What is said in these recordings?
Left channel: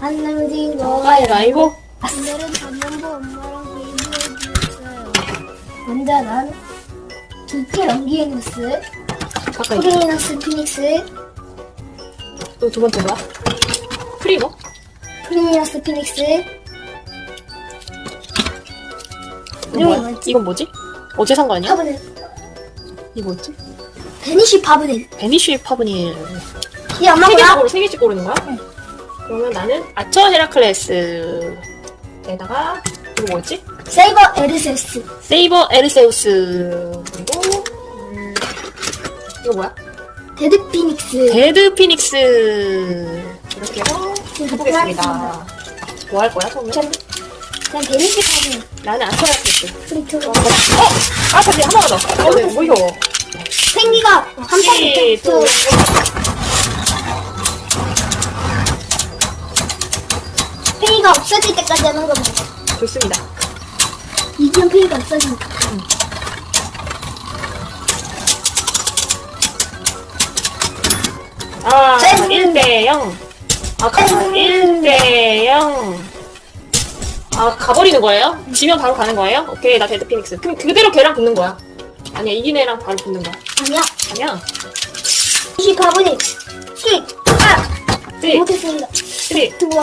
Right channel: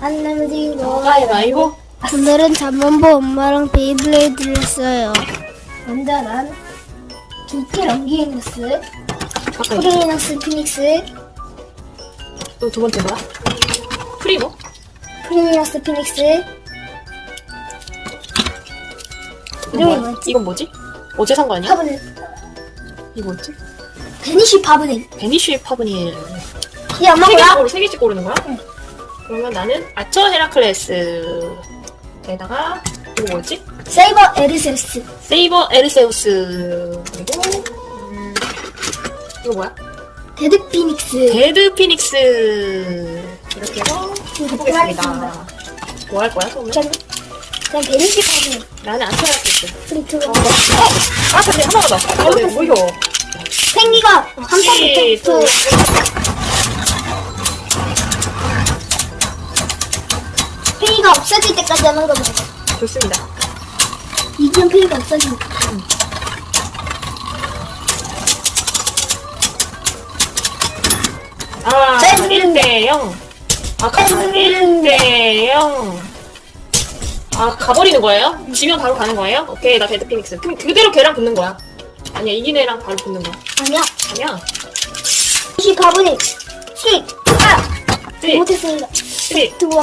안 넘지고 가위바위보. 오늘은 잠만보 엄마랑 베이블레이드를 했어요. 먼저 난 두께 런기행스 잠깐. 프리너스 피닉스 또두 번째 뭐야? 프리모? 프리너스 피닉스 이름이 뭐야? 뭐지? 이건 뭐지? 어제 산 거 아니야? 파브넬 이거 뭐지? 베니시 파브넬 베니쉬 파브니. 이 엄마 세 개씩 뭐야? 고르, 세 개씩 고르는 거야? 그러면 나는 아처 헤라클레스. 에다가, 이거 뭐였지? 세이버 에르세스 세이버 에르세우스. 그리고, 음, 이거 뭐야? 데드 피닉스 데드 피닉스. 이렇게 해서 해보겠습니다. 뭐 할 거야, 그러면? 전 그냥 베니시 파브넬 나는 아처 헤라클레스. 프리트 어, 아, 근데 하나가 더. 어, 뭐 이거. 생기가 한 시, 번부터 팽이가 없어질 때까지 하는 거보다 좋습니다. 이중 팽이가 없어지니까 아, 짠! 1대 0. 아, 가, 1대 0. 아, 가버리는 거예요? 지면 바로 가는 거예요? 오케이, 나 데드 피닉스. 그럼 그대로 걔랑 붙는 거야. 아니야, 이긴 애랑 바로 붙는 거야. 아니야 아니야. 24분의 10 아! 네. 못했습니다 3, 두번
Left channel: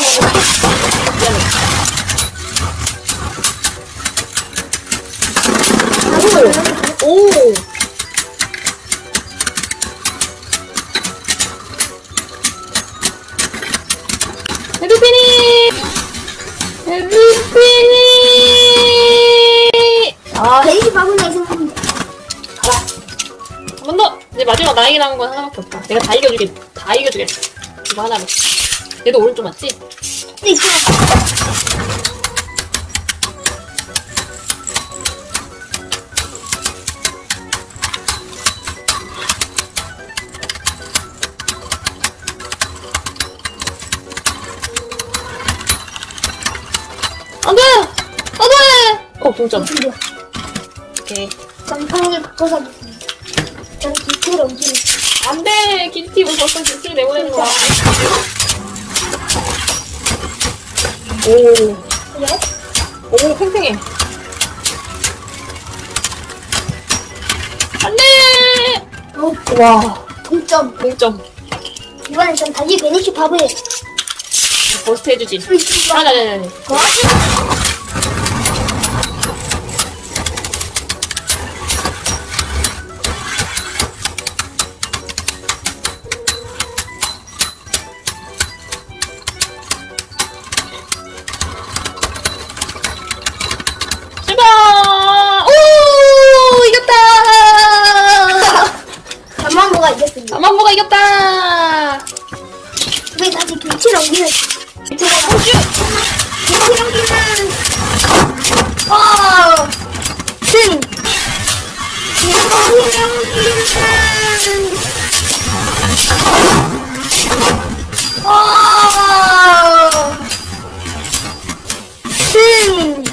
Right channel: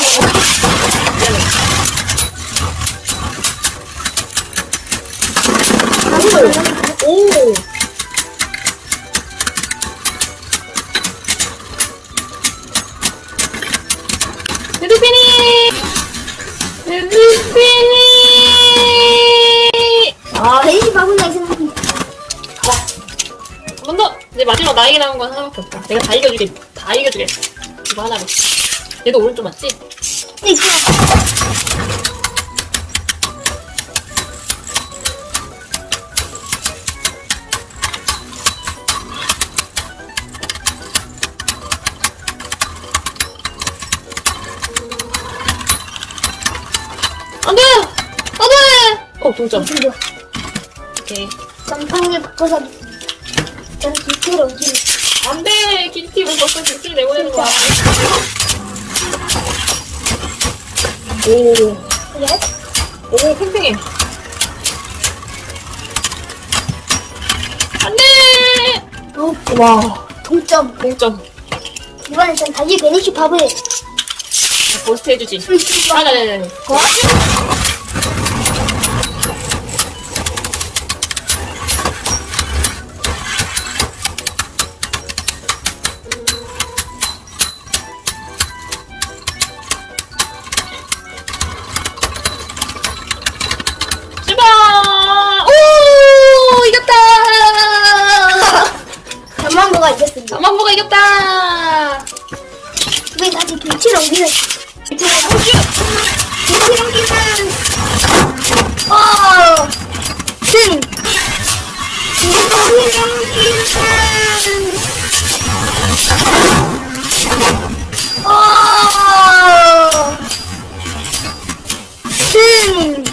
오! 데드 피닉! 아, 베이지 있습니다 가라. 한번 더! 이제 마지막 나에게 남은 건 하나밖에 없다. 내가 다 이겨주게, 다 이겨주겠어. 이거 하나로. 얘도 오른쪽 맞지? 있어 안 돼! 안 돼! 어, 동점. 오케이. 깜팡이를 바꿔서 저는 기체를 옮기는 안 돼! 기티 뭐 벌써 기티 내보내는 거야. 오? 오, 팽팽해. 안 돼! 어, 와, 동점 동점. 이번엔 전 다시 베니시 바브에 버스트 해주지. 프리트 아, 망보가 이겼다! 왜 다시 김치를 옮기는 이쪽으로 호주! 김치를 옮기는 어 승! 김치를 옮기는 어 승!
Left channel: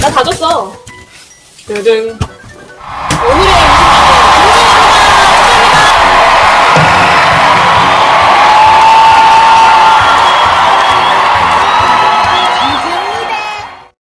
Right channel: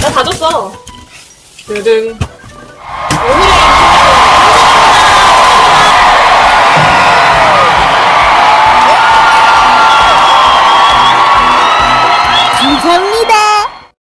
나다 줬어. 드등. 오늘의